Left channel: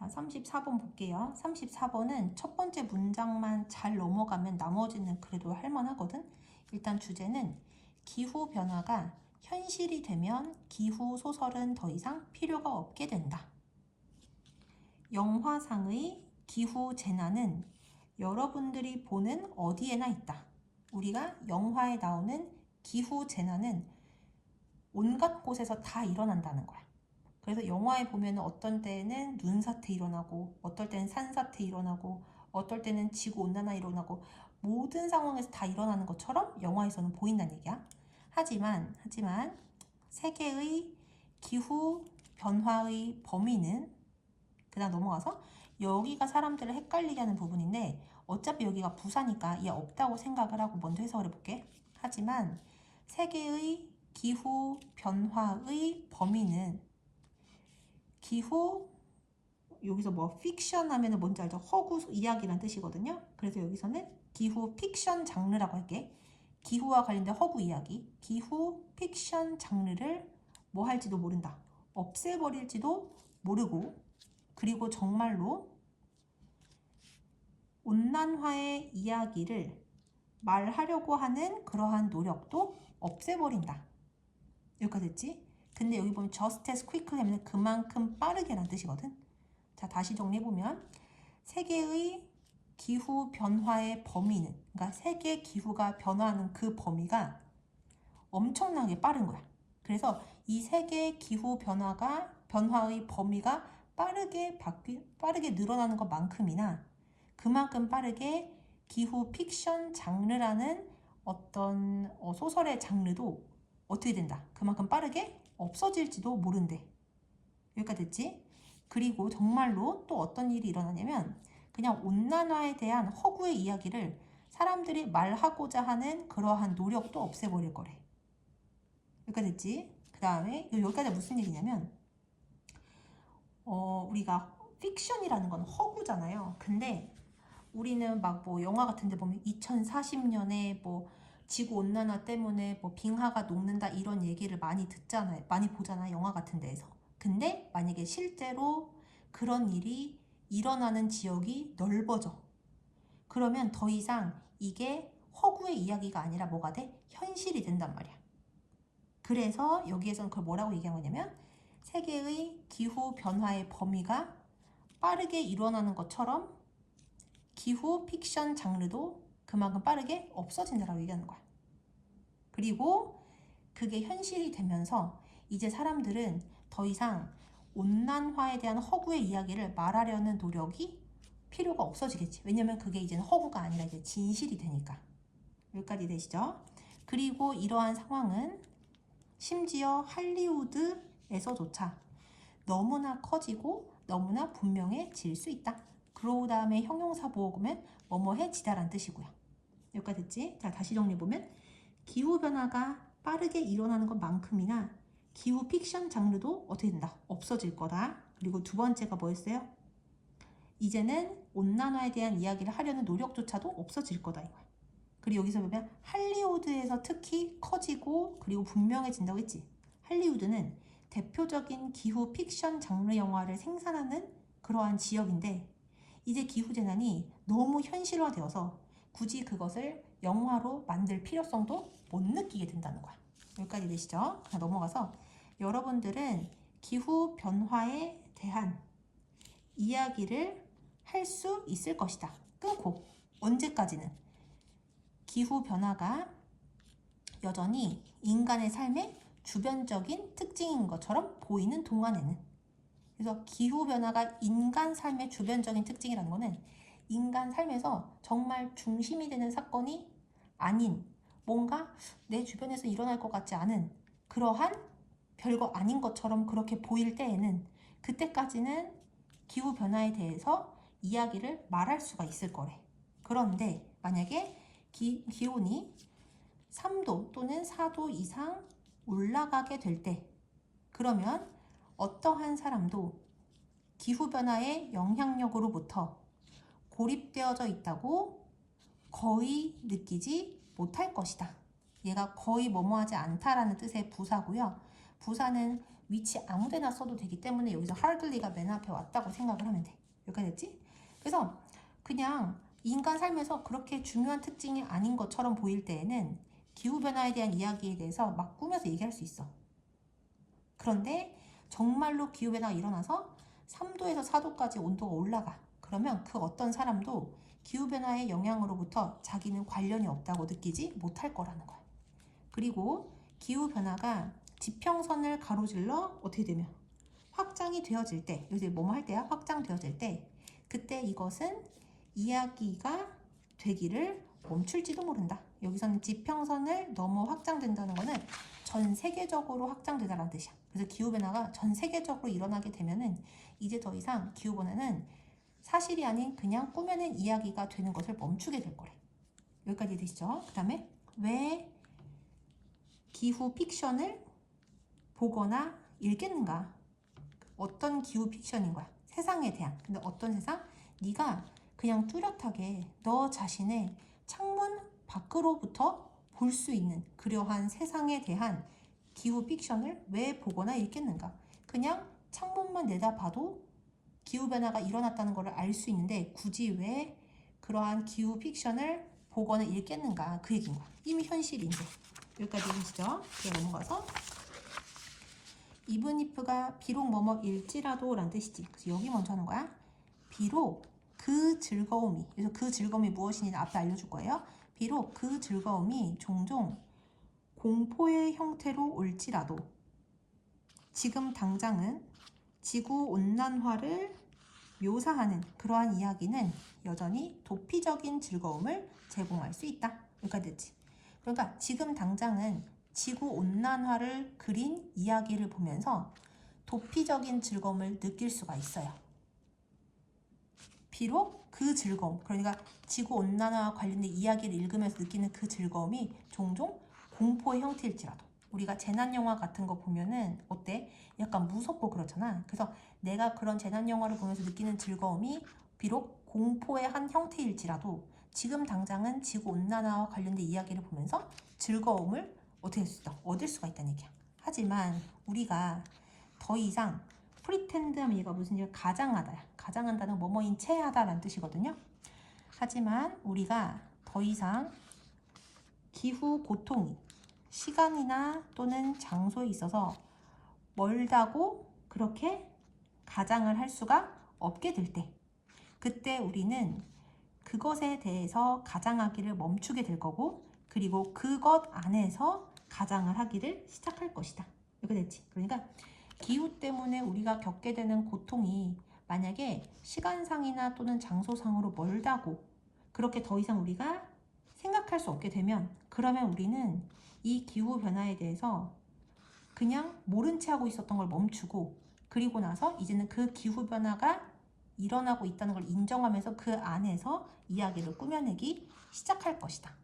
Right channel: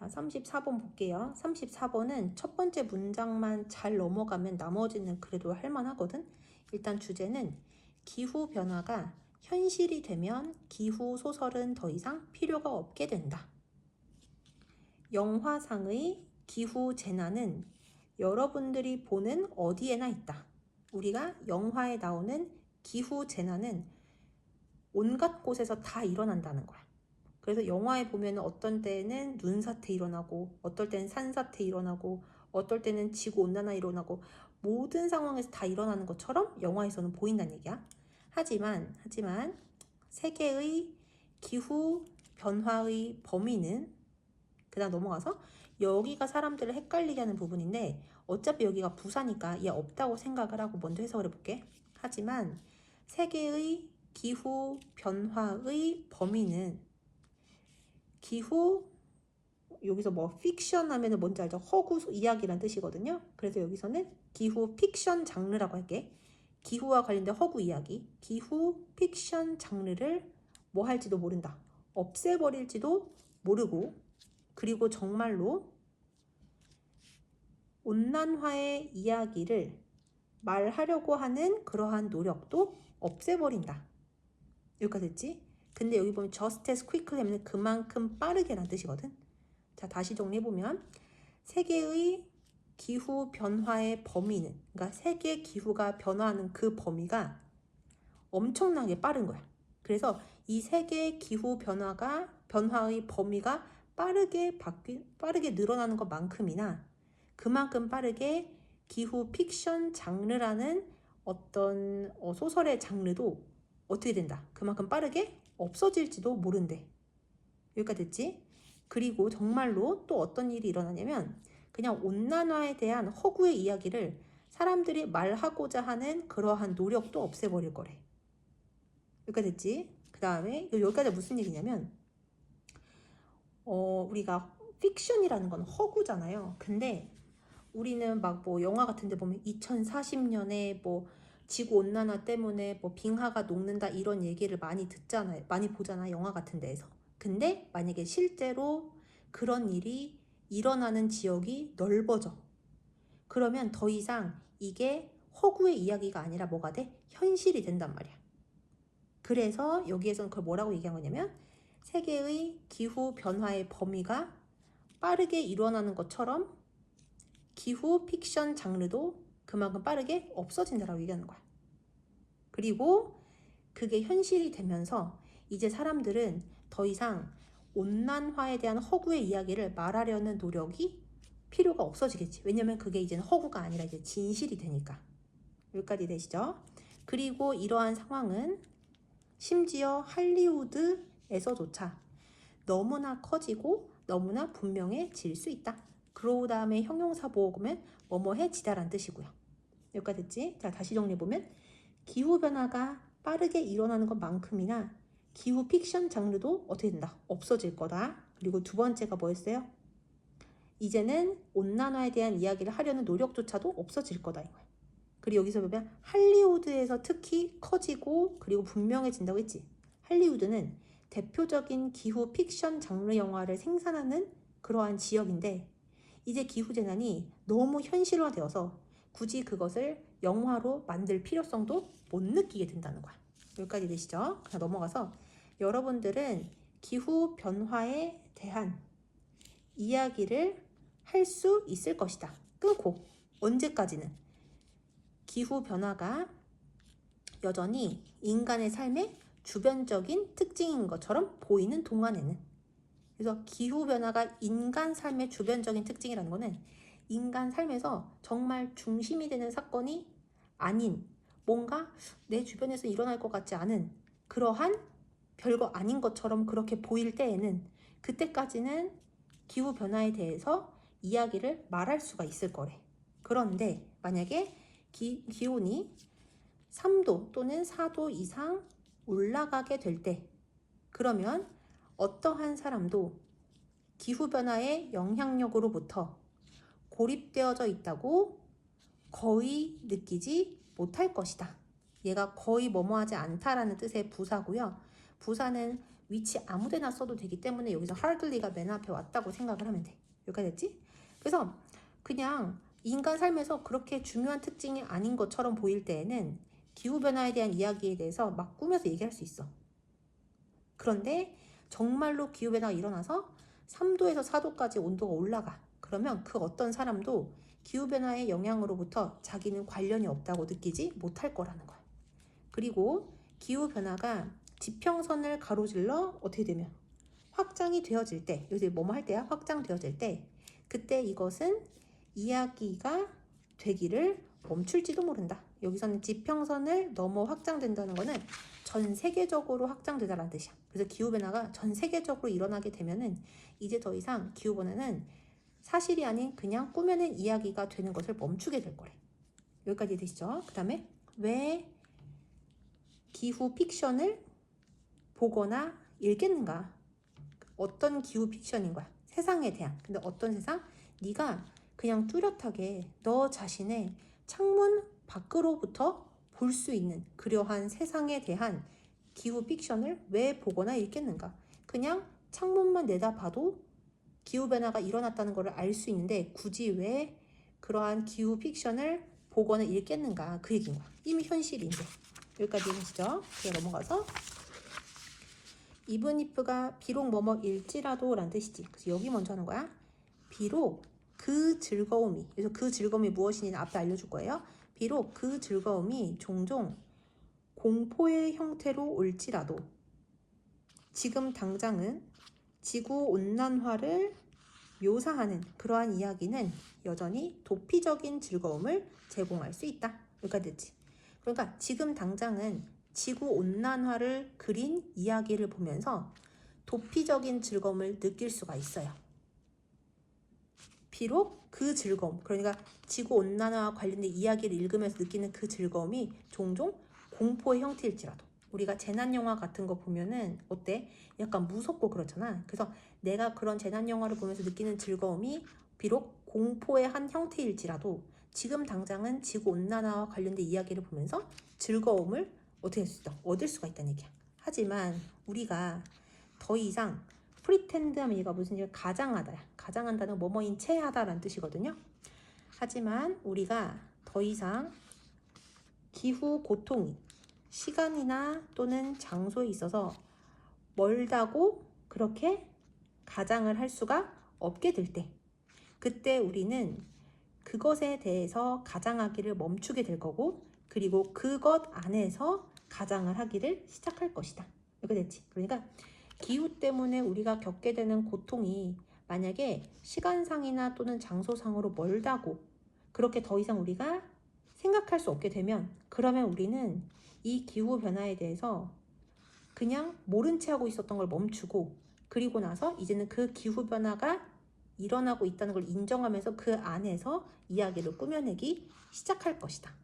자, 34번 볼게요. 34번은 첫 번째 문장만 잘 넘어가면 나머지는 그래도 할만하거든. 일단 주제는 기후 변화가 현실이 되면 기후 소설은 더 이상 필요가 없게 된다. 영화상의 기후 재난은 여러분들이 보는 어디에나 있다. 우리가 영화에 나오는 기후 재난은 온갖 곳에서 다 일어난다는 거야. 그래서 영화에 보면 어떤 때는 눈사태 일어나고 어떨 때는 산사태 일어나고 어떨 때는 지구온난화 일어나고 모든 상황에서 다 일어나는 것처럼 영화에서는 보인다는 얘기야. 하지만 세계의 기후 변화의 범위는 그 다음 넘어가서 여기가 사람들을 헷갈리게 하는 부분인데 어차피 여기가 부사니까 얘 없다고 생각을 하고 먼저 해석을 해볼게. 하지만 세계의 기후 변화의 범위는 기후 여기서 뭐 픽션 하면은 뭔지 알죠? 허구 이야기란 뜻이거든요. 그래서 여기서는 기후 픽션 장르라고 할게. 기후와 관련된 허구 이야기, 기후 픽션 장르를 뭐 할지도 모른다. 없애버릴지도 모르고, 그리고 정말로 온난화의 이야기를 말하려고 하는 그러한 노력도 없애버린다. 여기까지 됐지? 근데 여기 보면 just as quickly 하면 그만큼 빠르게라는 뜻이거든. 자, 다시 정리해보면 세계의 기후 변화의 범위는, 그러니까 세계 기후가 변화하는 그 범위가 엄청나게 빠른 거야. 그래서 이 세계 기후 변화의 범위가 빠르게 늘어나는 것만큼이나 그만큼 빠르게 기후 픽션 장르라는 어떤 소설의 장르도 어떻게 된다? 그만큼 빠르게 없어질지도 모른대. 여기까지 됐지? 그리고 정말로 또 어떤 일이 일어나냐면 그냥 온난화에 대한 허구의 이야기를 사람들이 말하고자 하는 그러한 노력도 없애버릴 거래. 여기까지 됐지? 그 다음에 여기까지 무슨 얘기냐면 우리가 픽션이라는 건 허구잖아요. 근데 우리는 막 뭐 영화 같은 데 보면 2040년에 뭐 지구 온난화 때문에 뭐 빙하가 녹는다 이런 얘기를 많이 듣잖아요. 많이 보잖아, 영화 같은 데에서. 근데 만약에 실제로 그런 일이 일어나는 지역이 넓어져. 그러면 더 이상 이게 허구의 이야기가 아니라 뭐가 돼? 현실이 된단 말이야. 그래서 여기에서는 그걸 뭐라고 얘기한 거냐면 세계의 기후 변화의 범위가 빠르게 일어나는 것처럼 기후 픽션 장르도 그만큼 빠르게 없어진다라고 얘기하는 거야. 그리고 그게 현실이 되면서 이제 사람들은 더 이상 온난화에 대한 허구의 이야기를 말하려는 노력이 필요가 없어지겠지. 왜냐면 그게 이제는 허구가 아니라 이제 진실이 되니까. 여기까지 되시죠? 그리고 이러한 상황은 심지어 할리우드에서조차 너무나 커지고 너무나 분명해질 수 있다. 그러고 다음에 형용사 보고 보면 뭐뭐해지다라는 뜻이고요. 여기까지 됐지? 자, 다시 정리해보면 기후변화가 빠르게 일어나는 것만큼이나 기후 픽션 장르도 어떻게 된다? 없어질 거다. 그리고 두 번째가 뭐였어요? 이제는 온난화에 대한 이야기를 하려는 노력조차도 없어질 거다 이거야. 그리고 여기서 보면 할리우드에서 특히 커지고 그리고 분명해진다고 했지. 할리우드는 대표적인 기후 픽션 장르 영화를 생산하는 그러한 지역인데 이제 기후재난이 너무 현실화되어서 굳이 그것을 영화로 만들 필요성도 못 느끼게 된다는 거야. 여기까지 되시죠? 그냥 넘어가서 여러분들은 기후 변화에 대한 이야기를 할 수 있을 것이다. 끊고 언제까지는? 기후 변화가 여전히 인간의 삶의 주변적인 특징인 것처럼 보이는 동안에는. 그래서 기후 변화가 인간 삶의 주변적인 특징이라는 거는 인간 삶에서 정말 중심이 되는 사건이 아닌 뭔가 내 주변에서 일어날 것 같지 않은 그러한 별거 아닌 것처럼 그렇게 보일 때에는 그때까지는 기후 변화에 대해서 이야기를 말할 수가 있을 거래. 그런데 만약에 기온이 3도 또는 4도 이상 올라가게 될 때 그러면 어떠한 사람도 기후변화의 영향력으로부터 고립되어져 있다고 거의 느끼지 못할 것이다. 얘가 거의 뭐뭐하지 않다라는 뜻의 부사고요. 부사는 위치 아무데나 써도 되기 때문에 여기서 hardly가 맨 앞에 왔다고 생각을 하면 돼. 여기까지 됐지? 그래서 그냥 인간 삶에서 그렇게 중요한 특징이 아닌 것처럼 보일 때에는 기후변화에 대한 이야기에 대해서 막 꾸며서 얘기할 수 있어. 그런데 정말로 기후변화가 일어나서 3도에서 4도까지 온도가 올라가. 그러면 그 어떤 사람도 기후변화의 영향으로부터 자기는 관련이 없다고 느끼지 못할 거라는 거야. 그리고 기후변화가 지평선을 가로질러 어떻게 되면 확장이 되어질 때, 여기서 뭐뭐 할 때야? 확장되어질 때, 그때 이것은 이야기가 되기를 멈출지도 모른다. 여기서는 지평선을 넘어 확장된다는 거는 전 세계적으로 확장되다라는 뜻이야. 그래서 기후변화가 전 세계적으로 일어나게 되면은 이제 더 이상 기후변화는 사실이 아닌 그냥 꾸며낸 이야기가 되는 것을 멈추게 될 거래. 여기까지 되시죠? 그 다음에 왜 기후 픽션을 보거나 읽겠는가? 어떤 기후 픽션인 거야? 세상에 대한. 근데 어떤 세상? 네가 그냥 뚜렷하게 너 자신의 창문 밖으로부터 볼 수 있는 그러한 세상에 대한 기후 픽션을 왜 보거나 읽겠는가? 그냥 창문만 내다봐도 기후변화가 일어났다는 것을 알 수 있는데 굳이 왜 그러한 기후 픽션을 보거나 읽겠는가? 그 얘기인 거야. 이미 현실인데. 여기까지 이해하시죠? 그래 넘어가서 even if가 비록 뭐뭐일지라도 라는 뜻이지. 그래서 여기 먼저 하는 거야. 비록 그 즐거움이, 그래서 그 즐거움이 무엇이니 앞에 알려줄 거예요. 비록 그 즐거움이 종종 공포의 형태로 올지라도 지금 당장은 지구온난화를 묘사하는 그러한 이야기는 여전히 도피적인 즐거움을 제공할 수 있다. 여기까지 됐지. 그러니까 지금 당장은 지구온난화를 그린 이야기를 보면서 도피적인 즐거움을 느낄 수가 있어요. 비록 그 즐거움, 그러니까 지구온난화와 관련된 이야기를 읽으면서 느끼는 그 즐거움이 종종 공포의 형태일지라도 우리가 재난영화 같은 거 보면은 어때? 약간 무섭고 그렇잖아. 그래서 내가 그런 재난영화를 보면서 느끼는 즐거움이 비록 공포의 한 형태일지라도 지금 당장은 지구온난화와 관련된 이야기를 보면서 즐거움을 어떻게 할 수 있다? 얻을 수가 있다는 얘기야. 하지만 우리가 더 이상 프리텐드하면 얘가 무슨 얘기야? 가장하다야. 가장한다는 뭐뭐인 채 하다라는 뜻이거든요. 하지만 우리가 더 이상 기후 고통이 시간이나 또는 장소에 있어서 멀다고 그렇게 가장을 할 수가 없게 될 때, 그때 우리는 그것에 대해서 가장하기를 멈추게 될 거고, 그리고 그것 안에서 가장을 하기를 시작할 것이다. 이렇게 됐지. 그러니까 기후 때문에 우리가 겪게 되는 고통이 만약에 시간상이나 또는 장소상으로 멀다고 그렇게 더 이상 우리가 생각할 수 없게 되면, 그러면 우리는 이 기후변화에 대해서 그냥 모른 채 하고 있었던 걸 멈추고, 그리고 나서 이제는 그 기후변화가 일어나고 있다는 걸 인정하면서 그 안에서 이야기를 꾸며내기 시작할 것이다.